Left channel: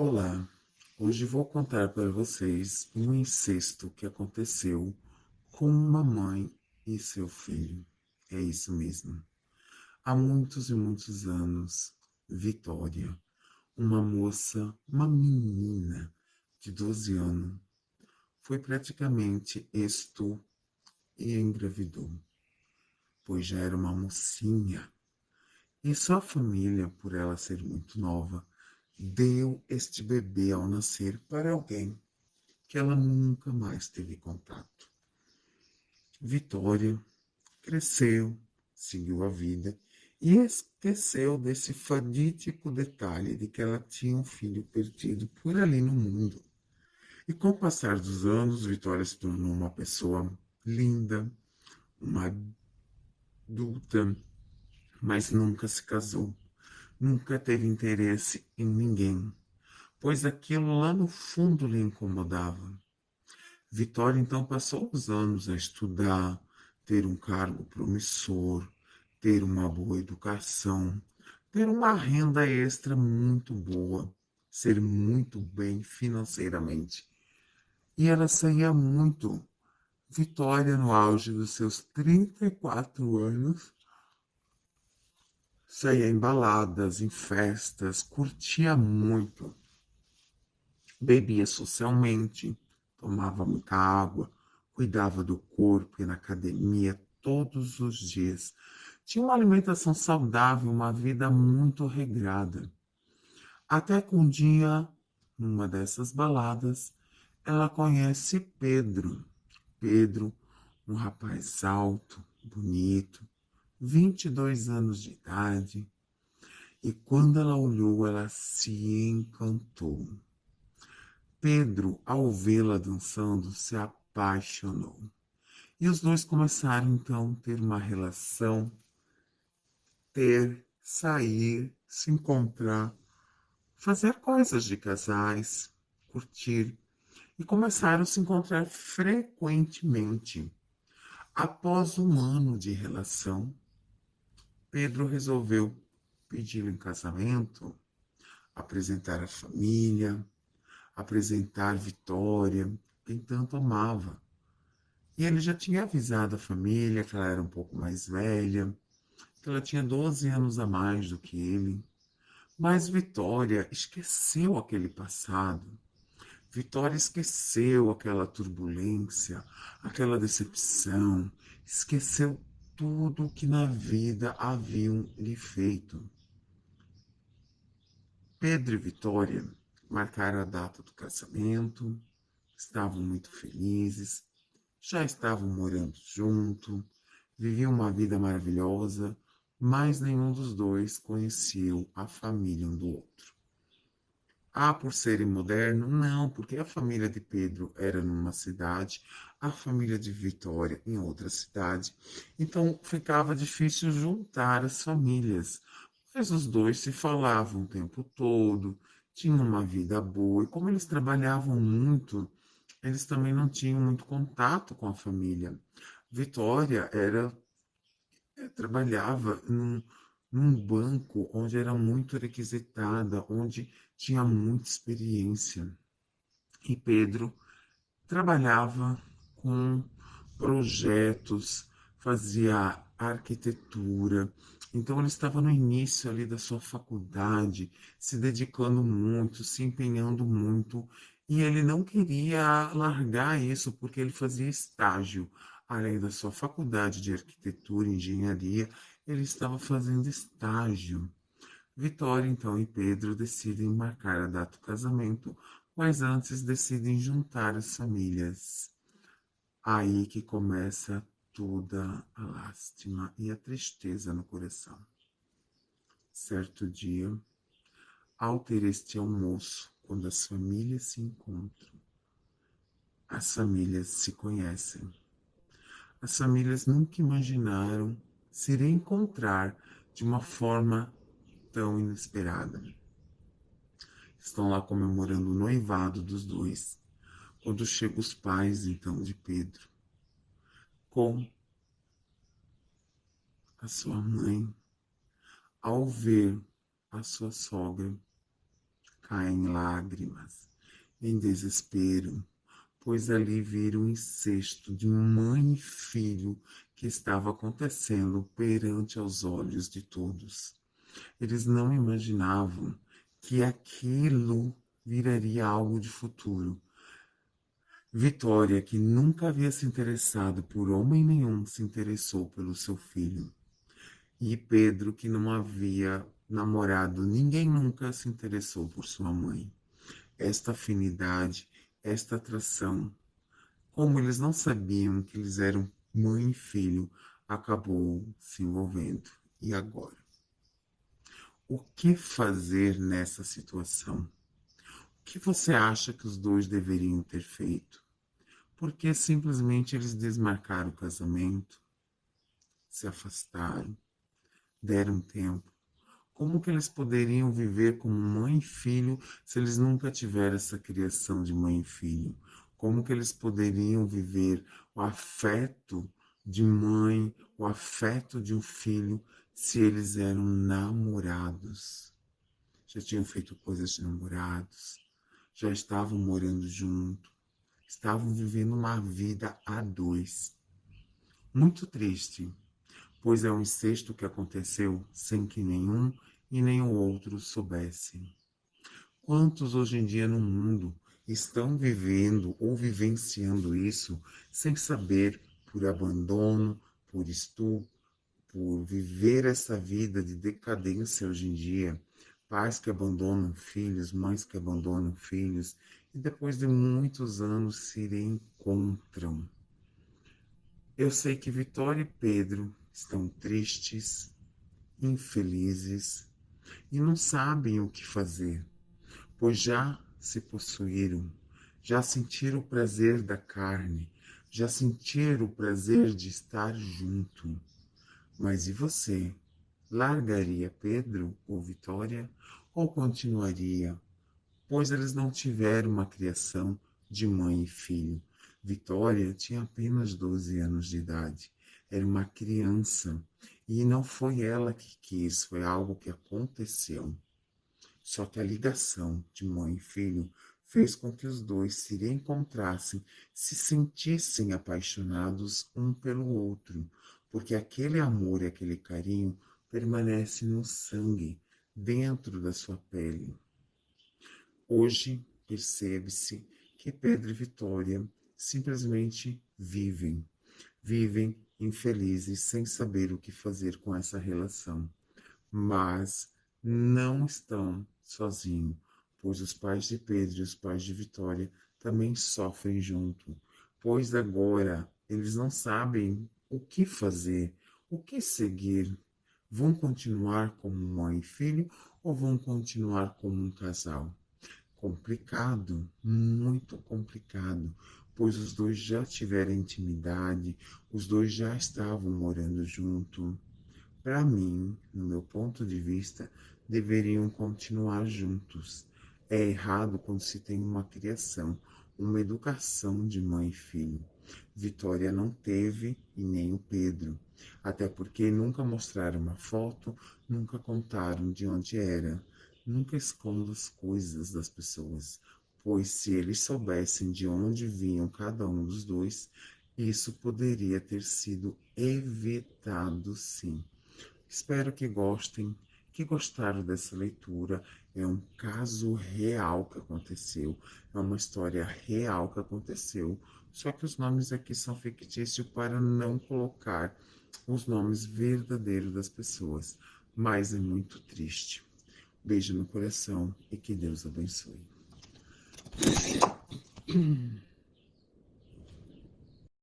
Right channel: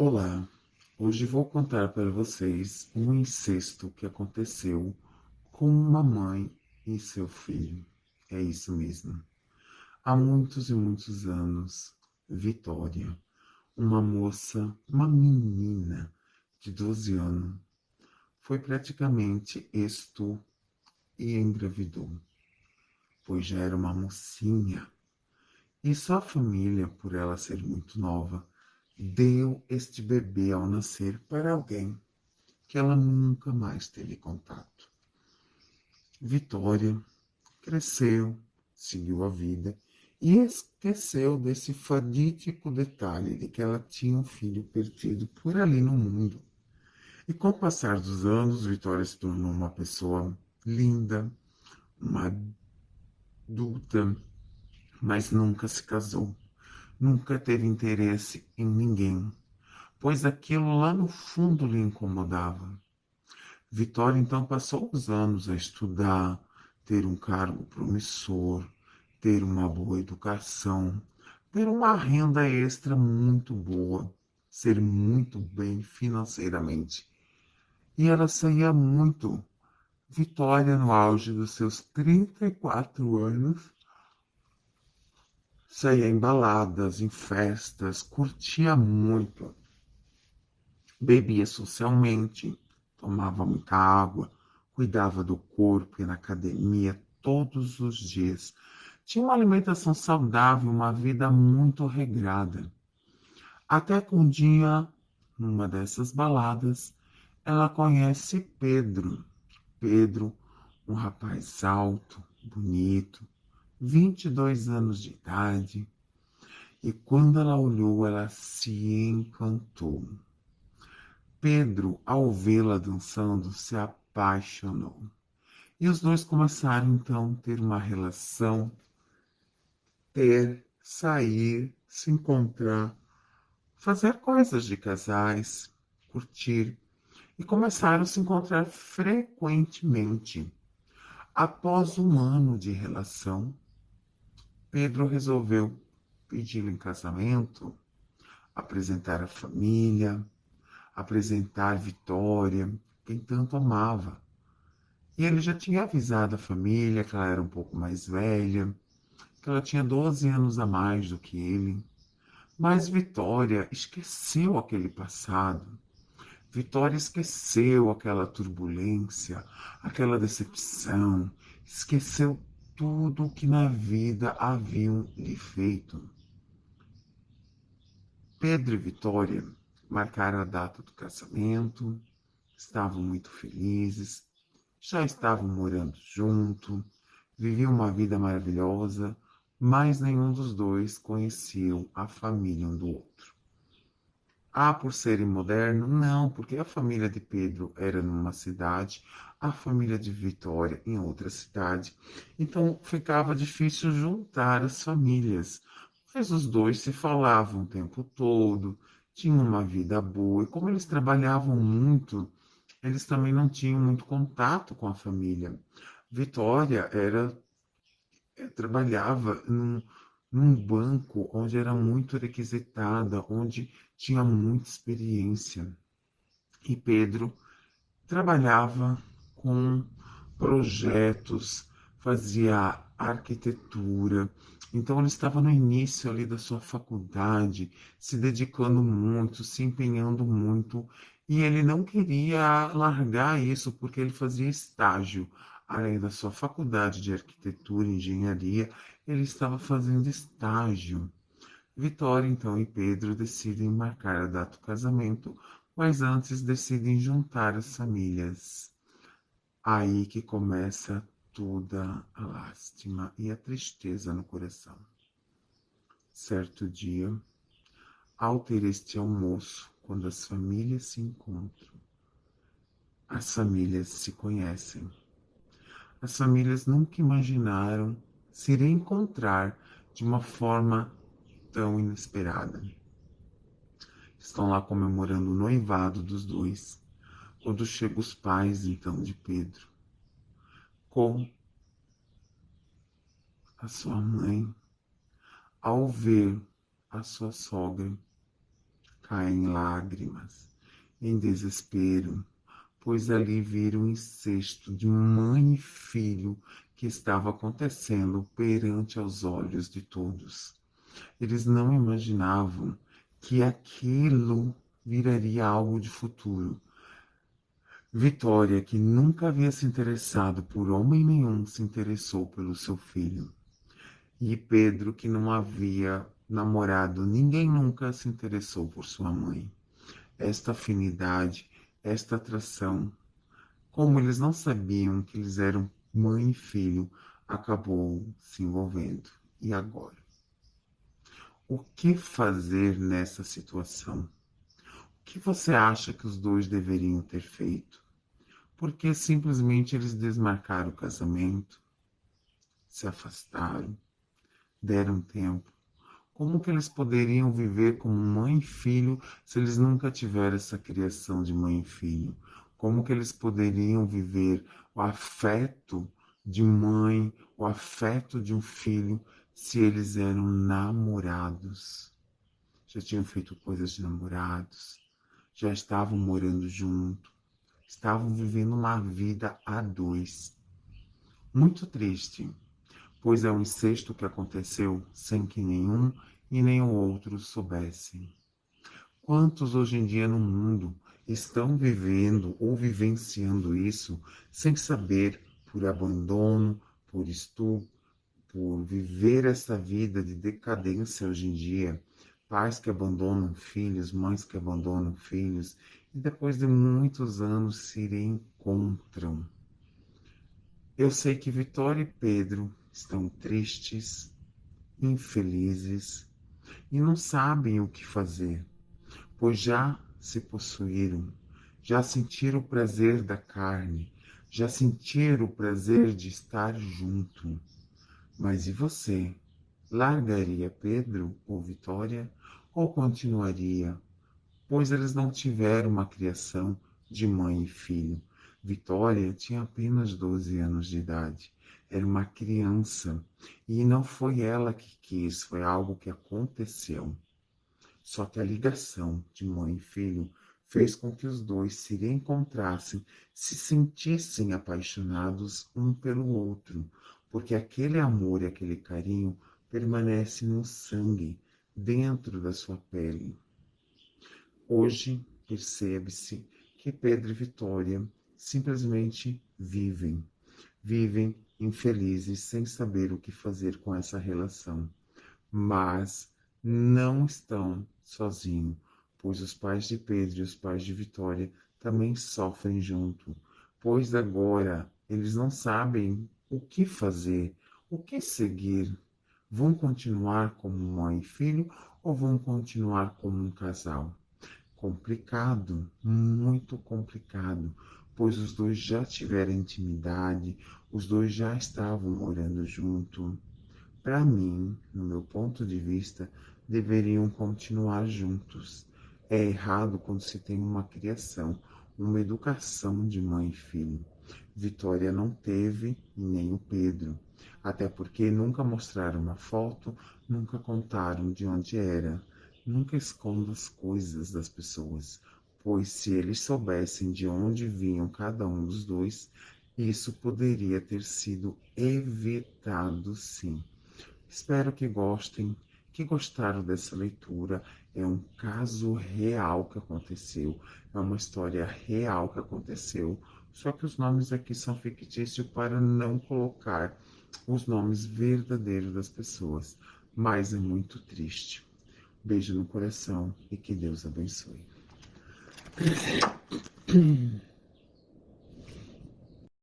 Olá, hoje vou contar para vocês um incesto que aconteceu com uma mãe e seu filho. É isso mesmo. Há muitos e muitos anos, Vitória, uma moça, uma menina de 12 anos, foi praticamente e engravidou, pois já era uma mocinha. E sua família, por ela ser muito nova, deu este bebê ao nascer para alguém que ela nunca mais teve contato. Vitória cresceu, seguiu a vida e esqueceu desse fatídico detalhe de que ela tinha um filho perdido por ali no mundo. E com o passar dos anos, Vitória se tornou uma pessoa linda, uma adulta, mas nunca se casou, nunca teve interesse em ninguém, pois aquilo lá no fundo lhe incomodava. Vitória então passou os anos a estudar, ter um cargo promissor, ter uma boa educação, ter uma renda extra muito boa, ser muito bem financeiramente. E ela saía muito. Vitória, no auge dos seus 34 anos, saía em baladas, em festas, curtia muito, bebia socialmente, tomava muita água, cuidava do corpo, ia na academia todos os dias. Tinha uma alimentação saudável, uma vida muito regrada. Até que um dia, numa dessas baladas, ela conhece Pedro. Pedro, um rapaz alto, bonito, 22 anos de idade. E quando ela olhou, ela se encantou. Pedro, ao vê-la dançando, se apaixonou. E os dois começaram então a ter uma relação, sair, se encontrar, fazer coisas de casais, curtir. E começaram a se encontrar frequentemente. Após um ano de relação, Pedro resolveu pedi-la em casamento, apresentar a família, apresentar Vitória, quem tanto amava. E ele já tinha avisado a família que ela era um pouco mais velha, que ela tinha 12 anos a mais do que ele. Mas Vitória esqueceu aquele passado. Vitória esqueceu aquela turbulência, aquela decepção, esqueceu tudo o que na vida haviam lhe feito. Pedro e Vitória marcaram a data do casamento, estavam muito felizes, já estavam morando junto, viviam uma vida maravilhosa, mas nenhum dos dois conheciam a família um do outro. Ah, por serem modernos? Não, porque a família de Pedro era numa cidade, a família de Vitória em outra cidade. Então ficava difícil juntar as famílias. Mas os dois se falavam o tempo todo, tinham uma vida boa, e como eles trabalhavam muito, eles também não tinham muito contato com a família. Vitória trabalhava num banco onde era muito requisitada, onde tinha muita experiência. E Pedro trabalhava com projetos, fazia arquitetura. Então ele estava no início ali da sua faculdade, se dedicando muito, se empenhando muito, e ele não queria largar isso porque ele fazia estágio. Além da sua faculdade de arquitetura e engenharia, ele estava fazendo estágio. Vitória, então, e Pedro decidem marcar a data do casamento, mas antes decidem juntar as famílias. Aí que começa toda a lástima e a tristeza no coração. Certo dia, ao ter este almoço, quando as famílias se encontram, as famílias se conhecem. As famílias nunca imaginaram se reencontrar de uma forma tão inesperada. Estão lá comemorando o noivado dos dois, quando chegam os pais, então, de Pedro, com a sua mãe, ao ver a sua sogra caem em lágrimas, em desespero, pois ali viram o incesto de mãe e filho que estava acontecendo perante aos olhos de todos. Eles não imaginavam que aquilo viraria algo de futuro. Vitória, que nunca havia se interessado por homem nenhum, se interessou pelo seu filho. E Pedro, que não havia namorado, ninguém nunca se interessou por sua mãe. Esta afinidade, esta atração, como eles não sabiam que eles eram mãe e filho, acabou se envolvendo. E agora? O que fazer nessa situação? O que você acha que os dois deveriam ter feito? Porque simplesmente eles desmarcaram o casamento, se afastaram, deram tempo. Como que eles poderiam viver como mãe e filho se eles nunca tiveram essa criação de mãe e filho? Como que eles poderiam viver o afeto de mãe, o afeto de um filho, se eles eram namorados? Já tinham feito coisas de namorados, já estavam morando junto, estavam vivendo uma vida a dois. Muito triste, pois é um incesto que aconteceu sem que nenhum e nem o outro soubessem. Quantos hoje em dia no mundo estão vivendo ou vivenciando isso sem saber, por abandono, por estupro, por viver essa vida de decadência hoje em dia? Pais que abandonam filhos, mães que abandonam filhos e depois de muitos anos se reencontram. Eu sei que Vitória e Pedro estão tristes, infelizes e não sabem o que fazer, pois já se possuíram, já sentiram o prazer da carne, já sentiram o prazer de estar junto. Mas e você? Largaria Pedro ou Vitória ou continuaria? Pois eles não tiveram uma criação de mãe e filho. Vitória tinha apenas 12 anos de idade. Era uma criança. E não foi ela que quis, foi algo que aconteceu. Só que a ligação de mãe e filho fez com que os dois se reencontrassem, se sentissem apaixonados um pelo outro, porque aquele amor e aquele carinho permanece no sangue, dentro da sua pele. Hoje percebe-se que Pedro e Vitória simplesmente vivem infelizes sem saber o que fazer com essa relação, mas não estão sozinhos, pois os pais de Pedro e os pais de Vitória também sofrem junto, pois agora eles não sabem o que fazer, o que seguir. Vão continuar como mãe e filho ou vão continuar como um casal? Complicado, muito complicado, pois os dois já tiveram intimidade, os dois já estavam morando junto. Para mim, no meu ponto de vista, deveriam continuar juntos. É errado quando se tem uma criação, uma educação de mãe e filho. Vitória não teve e nem o Pedro, até porque nunca mostraram uma foto, nunca contaram de onde era. Nunca esconda as coisas das pessoas, pois se eles soubessem de onde vinham cada um dos dois, isso poderia ter sido evitado sim. Espero que gostem, que gostaram dessa leitura. É um caso real que aconteceu, é uma história real que aconteceu. Só que os nomes aqui são fictícios para não colocar os nomes verdadeiros das pessoas. Mas é muito triste. Beijo no coração e que Deus abençoe.